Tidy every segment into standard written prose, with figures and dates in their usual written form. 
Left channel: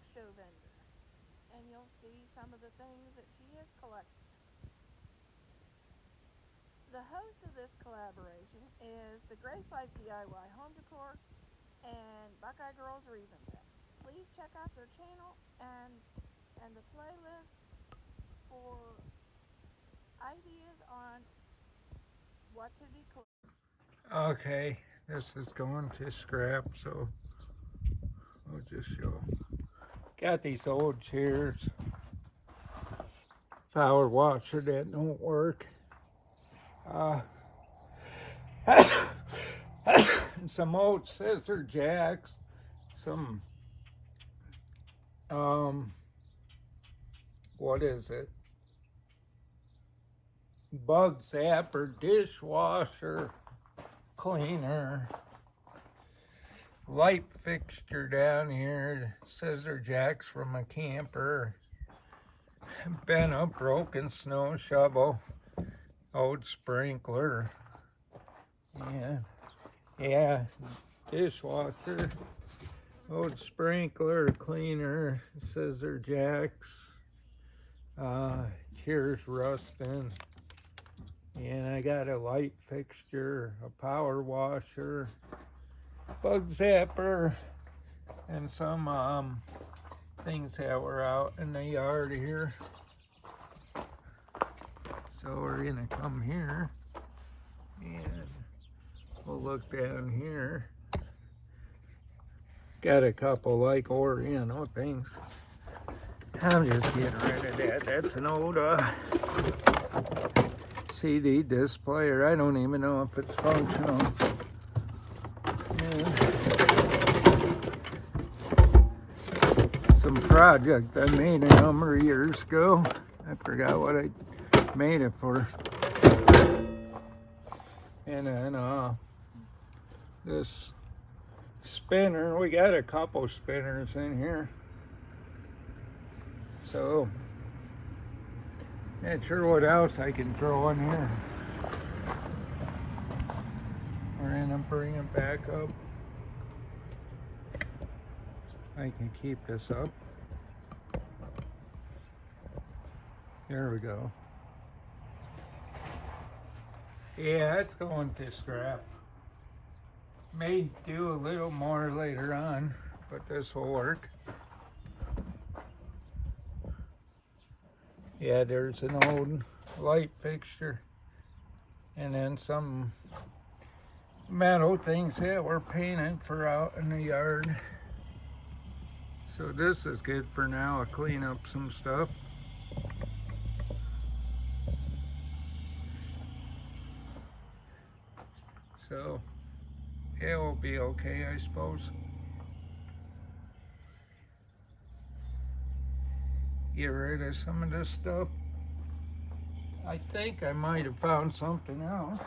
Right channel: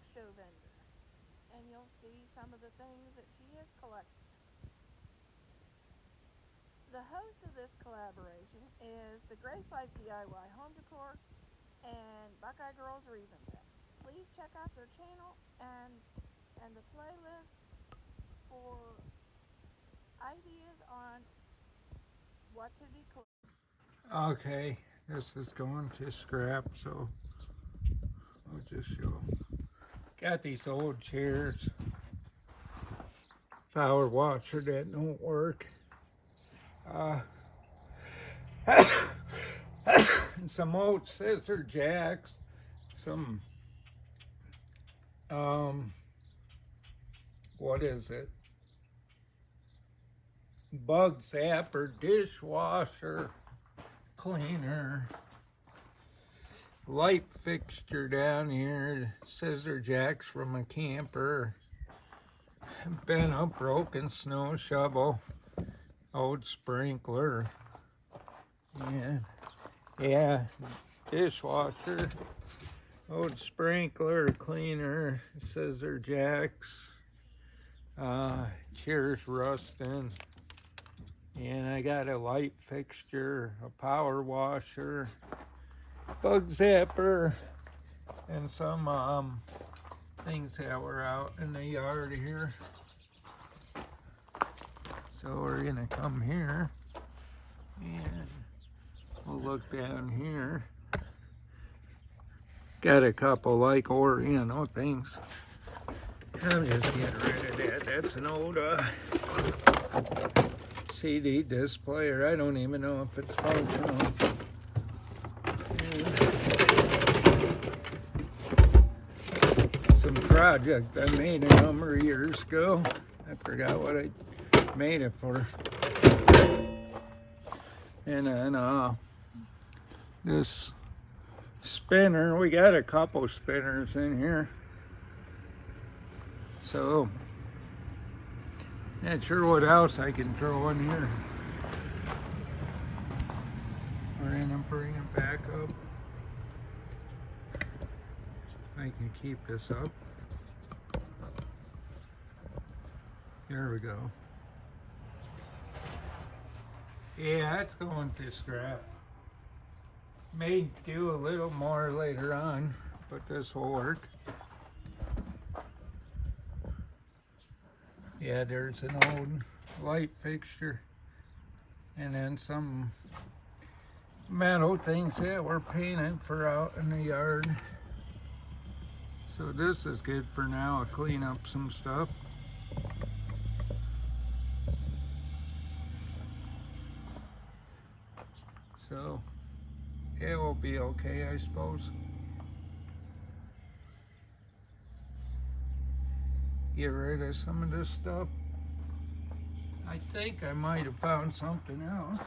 craft show vendor, and you'll see some of the things that she has collected. The host of this collaboration is the Grace Life DIY Home Decor and Buckeye Girls Reason Pets. Please check out their channel and the playlist for ideas on what to declutter. Okay, this is going to scrap, so I'll just show. Got these old chairs, power washer that don't work. Some old scissor jacks, some what is it? Bug zapper, dishwasher, cleaner, light fixture down here, scissor jacks from a camper, bent up broken snow shovel, old sprinkler, yeah, dishwasher, old sprinkler, cleaner, scissor jacks, chairs rusting. And I got a light fixture, a power washer, bug zapper, and some things that were out in the yard here. So we're gonna come here and we'll look down here. Got a couple like Oriental things. I'm just getting rid of that. That's an old CD displayer. I don't even know if it's functional. Some project I made a number of years ago. I forgot what I made it for. And then this spinner, we got a couple spinners in here. So not sure what else I can throw in here. We're gonna bring it back up. I can keep this up. There we go. Yeah, it's going to scrap. May do a little more later on, but this will work. Yeah, there's an old light fixture and then some metal things that were painted for out in the yard. So this is good for now. I'll clean up some stuff. So it will be okay, I suppose. Get rid of some of this stuff. I think I might have found something else.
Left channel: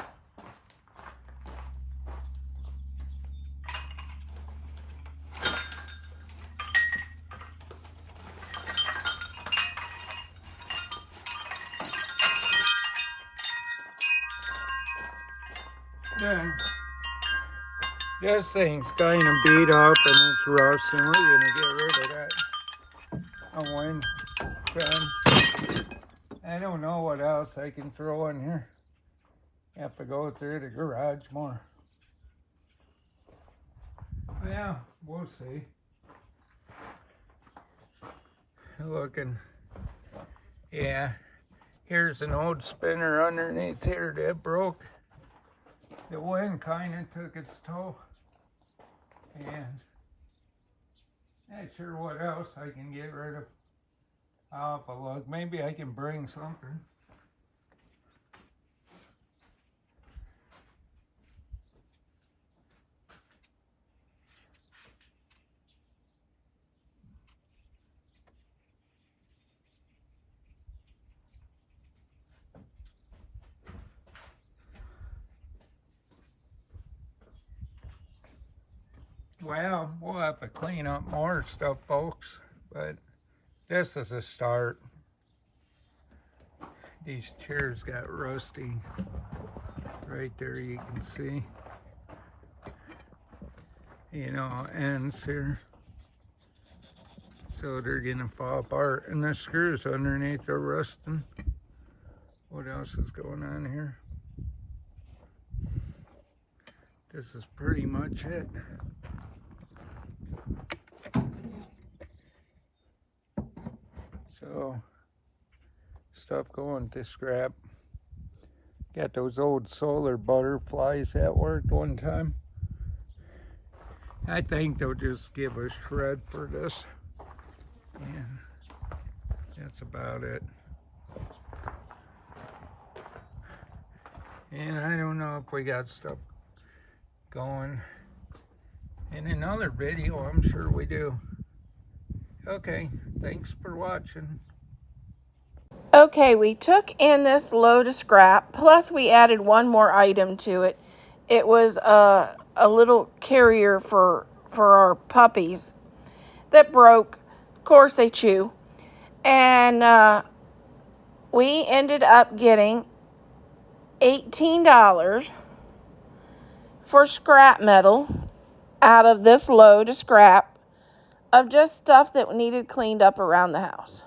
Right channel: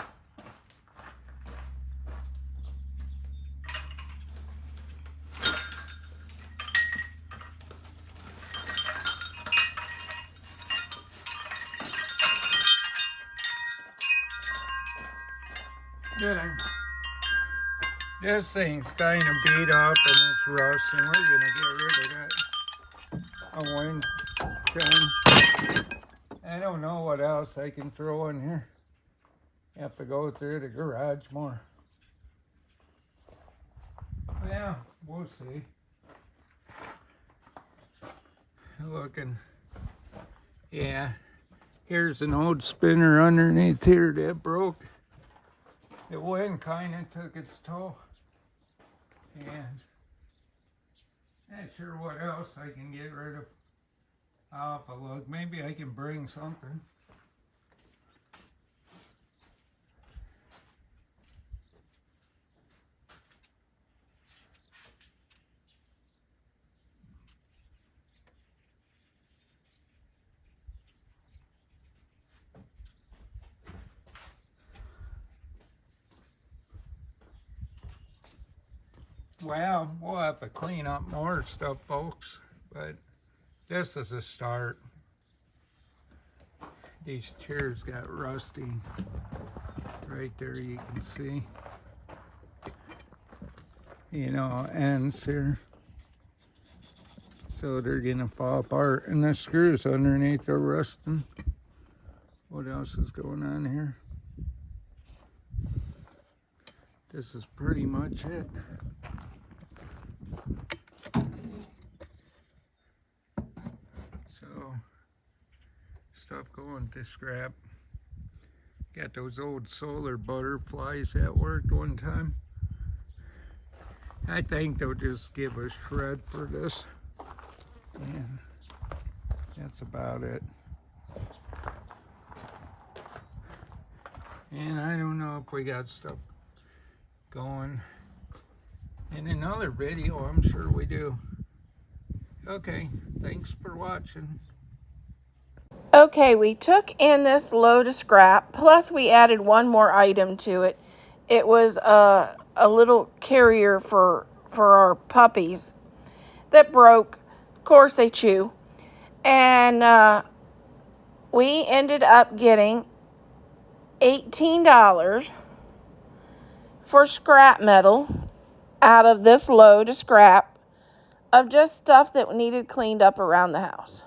Yeah. This thing's kind of beat up and it's rusting. We're gonna get rid of that. A wind gun. I don't know what else I can throw in here. Have to go through the garage more. Well, we'll see. Looking. Yeah. Here's an old spinner underneath here that broke. The wind kind of took its toll. And not sure what else I can get rid of. I'll have to look. Maybe I can bring something. Well, we'll have to clean up more stuff, folks, but this is a start. These chairs got rusty right there, you can see. You know, ends here. So they're gonna fall apart, and the screws underneath are rusting. What else is going on here? This is pretty much it. So, stuff going to scrap. Got those old solar butterflies that worked one time. I think they'll just give a shred for this. And that's about it. And I don't know if we got stuff going in another video. I'm sure we do. Okay, thanks for watching. Okay, we took in this load of scrap, plus we added one more item to it. It was a little carrier for our puppies that broke. Of course, they chew. And we ended up getting $18 for scrap metal out of this load of scrap of just stuff that needed cleaned up around the house.